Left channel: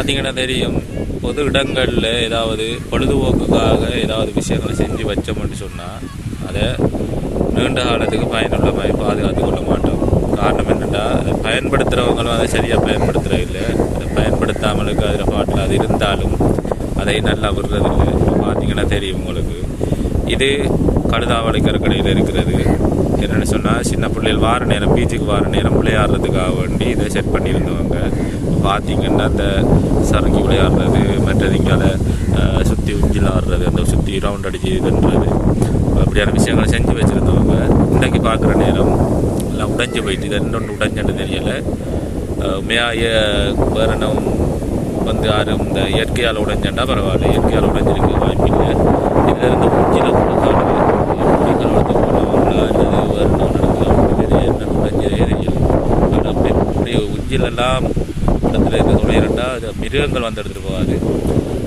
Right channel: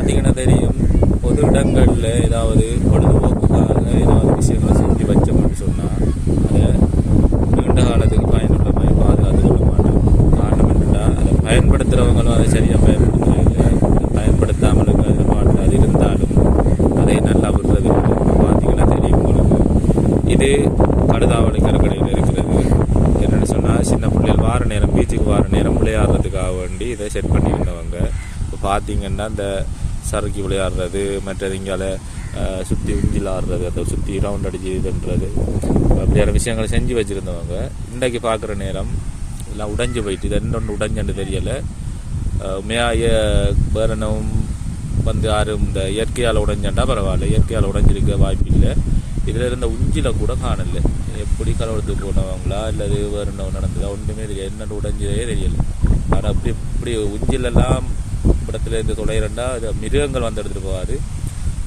பார்த்தீங்கன்னா தெரியும். பொது இடங்களில் ஏதாவது பொழுதுபோக்குக்காக ஏதாவது விஷயங்களை செஞ்சு வச்சோம்னு சொன்னால் அதை நீண்ட காலத்துக்கு பயனுள்ள மாதிரி பாதுகாத்து கொள்ள மாட்டோம். காரணம் என்னென்னா அதை பயன்படுத்துகிறவங்களும் அதை சரியாக பயன்படுத்துகிறது இல்லை. அதை பயன்படுத்தாமலுக்கு அதில் பாட்டில் அது இருந்தாலும் அதை நல்லா விடுறதில்லை இப்போ பார்த்தீங்கன்னா தெரியும் உங்களுக்கு. இது கடுதாவளை கரைக்கடையில் இருக்கிறது. என்னென்னு சொன்னால் சின்ன பிள்ளைகள் வார நேரம் பீச்சுக்கு வார நேரம் விளையாடுறதுக்காக வேண்டி இதை செட் பண்ணியிருந்தவங்க. பார்த்தீங்கன்னா அந்த சறுக்கி விளையாடுறது மற்றது இங்கால சுற்றி உஞ்சில் ஆடுறது அந்த சுற்றி ரவுண்ட் அடிச்சு இதுன்றது அப்படியான விஷயங்களை செஞ்சு வச்சுருந்தவங்க இன்றைக்கு பார்க்குற நேரம் எல்லாம் உடைஞ்சு போயிட்டு இது இன்னொன்று உடைஞ்சன்னு தெரியலை. உண்மையாக வேறு என்ன வந்து யாரும் இந்த இயற்கையால் உடைஞ்சண்டா பரவாயில்ல இயற்கையால் உடைஞ்சிருக்க வாய்ப்பில்லை இதில் இருந்த உச்சியில் கூட காணுது. எப்படி கலவரத்து போனவங்களா அல்லது வேறு நடந்தது என்ன உடைஞ்சதே தெரியல. ஆனால் அப்படி எப்படி உஞ்சிலெல்லாம் இடத்துல இருக்க தொலைகிறண்டா அது மிருகங்கள் வந்து எடுத்துகிட்டு போகாது.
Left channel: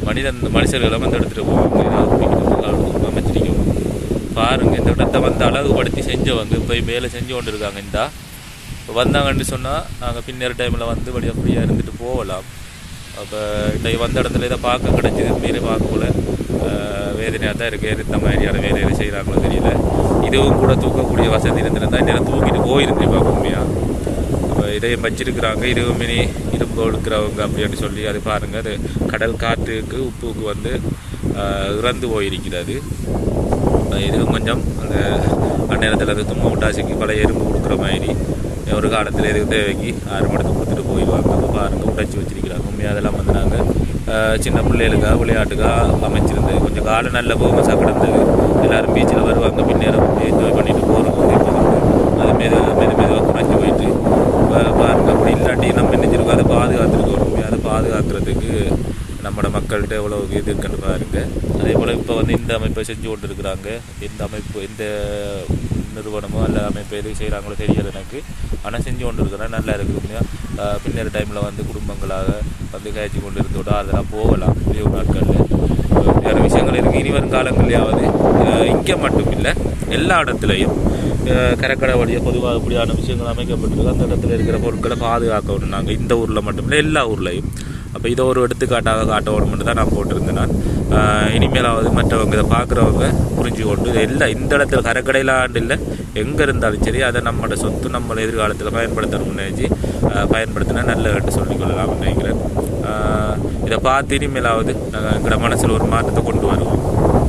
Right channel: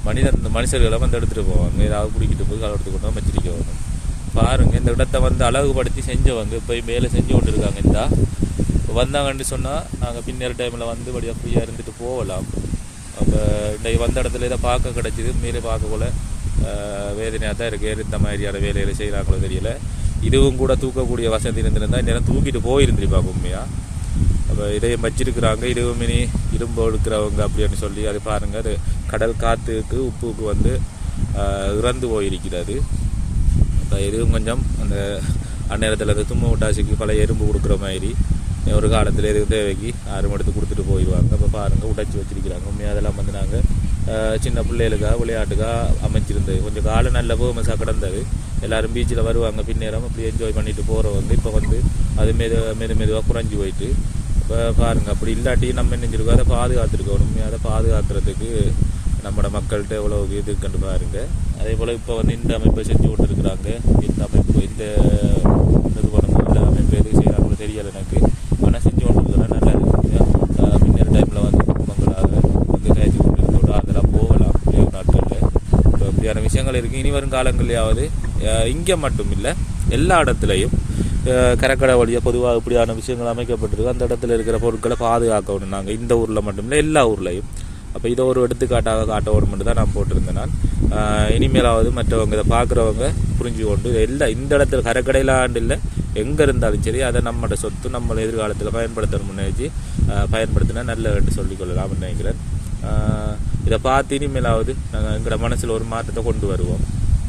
மனிதன் மனுஷர்களும் வந்து எடுத்துகிட்டு போவாங்க. ஏதாவது குடிக்கிறது அமைச்சிருக்கோம் பாருங்கள் இந்த இடத்த வந்து அழகுபடுத்தி செஞ்சவங்க இப்போ மேலே செஞ்சு கொண்டு இருக்காங்க இந்தா இப்போ வந்தாங்கன்னு சொன்னால் நாங்கள் பின்னர் டைமில் வந்து வழியாக ஃப்ரீயாக இருந்துட்டு போகலாம். அப்போ இன்றைக்கு வந்த இடத்துல இதை பார்க்க கிடச்சிது மேலே பார்க்கக்குள்ள வேதனையாக தான் இருக்குது இந்த மாதிரியான வேலைகளை செய்கிறாங்களோ தெரியல. இதுவும் கூட தூக்கக்கூடிய வசதி இருந்திருந்தால் நேரம் தூக்கிட்டு போயிருந்துருப்பாங்க உண்மையாக இதையும் வச்சிருக்கிறாங்க. இதுவும் இரும்பு எடுக்கிறவங்க அப்படின்னு சொல்லி அது பாருங்கள் அது கடல் காற்றுக்கு உப்புக்கு வந்து இறந்து போயிருக்கிறது. இதுவும் கொஞ்சம் அந்த அந்நேரத்தில் அந்த தும்ம விட்டாசிக்கு பழைய எறும்பு கொடுக்குற மாதிரி. ஒரு காலத்தில் எதுக்கு தேவைக்கு ஆறு மடத்து கொடுத்துட்டு போயிடுவாங்க. அப்போ பாருங்கள் உடைச்சி வச்சிருக்கிறாங்க. உண்மையாக அதெல்லாம் வந்து நாங்கள் சின்ன பிள்ளைகளுக்காக விளையாட்டுக்காக அமைச்சிருந்தது. கொஞ்சம் காலம் நல்ல போமஸாக கிடந்தது. எல்லோரும் பீச்சில் வருவாங்க. பின்னேரம் என்ஜாய் பண்ணிட்டு போகிறோம் அதுமாரி மெது மெது மெதுவாக குறைஞ்சி போயிட்டு பாருங்க அப்படி இல்லாட்டி நம்ம நினைச்சிருக்கோம் அதை பாதுகாத்துருக்கோம் உண்மையாக அதை பாதுகாக்கிறதுக்கு நம்மளோட மக்கள்கிட்ட எவ்வளோ இது இருக்குன்னு பாருங்க. அதே போல் இப்போ வந்து இந்த அமைப்பை செஞ்சு கொண்டு இருக்கிறாங்க இந்த அமைப்பு இந்த நிறுவனமோ அல்ல அமைப்பு எது செய்கிறாங்களோ தெரியல எனக்கு. ஆனால் செஞ்சு கொண்டு இருக்கிறேன் நல்லா இருக்கு முன்னேற டைமில் வந்து குடும்பங்களாக வந்து கழிச்சு கொண்டு இருந்தோட அதெல்லாம் போகலாம். லீவு நாட்களில். இப்படியான விஷயங்கள் இருக்குது இனி வரும் காலங்கள்லையாவது இங்கே மட்டும் இல்லை. எல்லா இடத்துலையும் கரக்கடை வழியாக பொதுவாக இப்படியான விஷயங்கள் அமைக்கப்பட்டிருக்கு. அந்த இடத்துல இருக்கிற பொருட்களை பாதுகாக்கணும் நாங்கள் இந்த ஊரில் மட்டும் இல்லை எல்லா ஊர்லேயும். அப்போ இதை ஒரு எடுத்துக்காட்டாக காட்டணும்னு தான் நான் போட்டிருந்தேன் நான். இனிமேலாவது மற்றவங்க இதை பார்க்குறவங்க புரிஞ்சு கொண்டு எல்லாம் இந்த இடத்துல கரைக்கடையில் ஆண்டு இல்லை எங்கே இருந்தாலும் சரி அதை நம்மளோட சொத்து நம்ம எதிர்காலத்தில் பயன்படுத்தணும்னு முன்னேஜி பயன்படுத்தினா நல்ல சொல்லிக்கொள்ளலாம் நினைக்கிறேன். இதை பார்த்து இனிமேலாவது நாங்கள் எங்களோட மனசில் ஒரு மாற்றத்தை கொண்டு வருவோம்.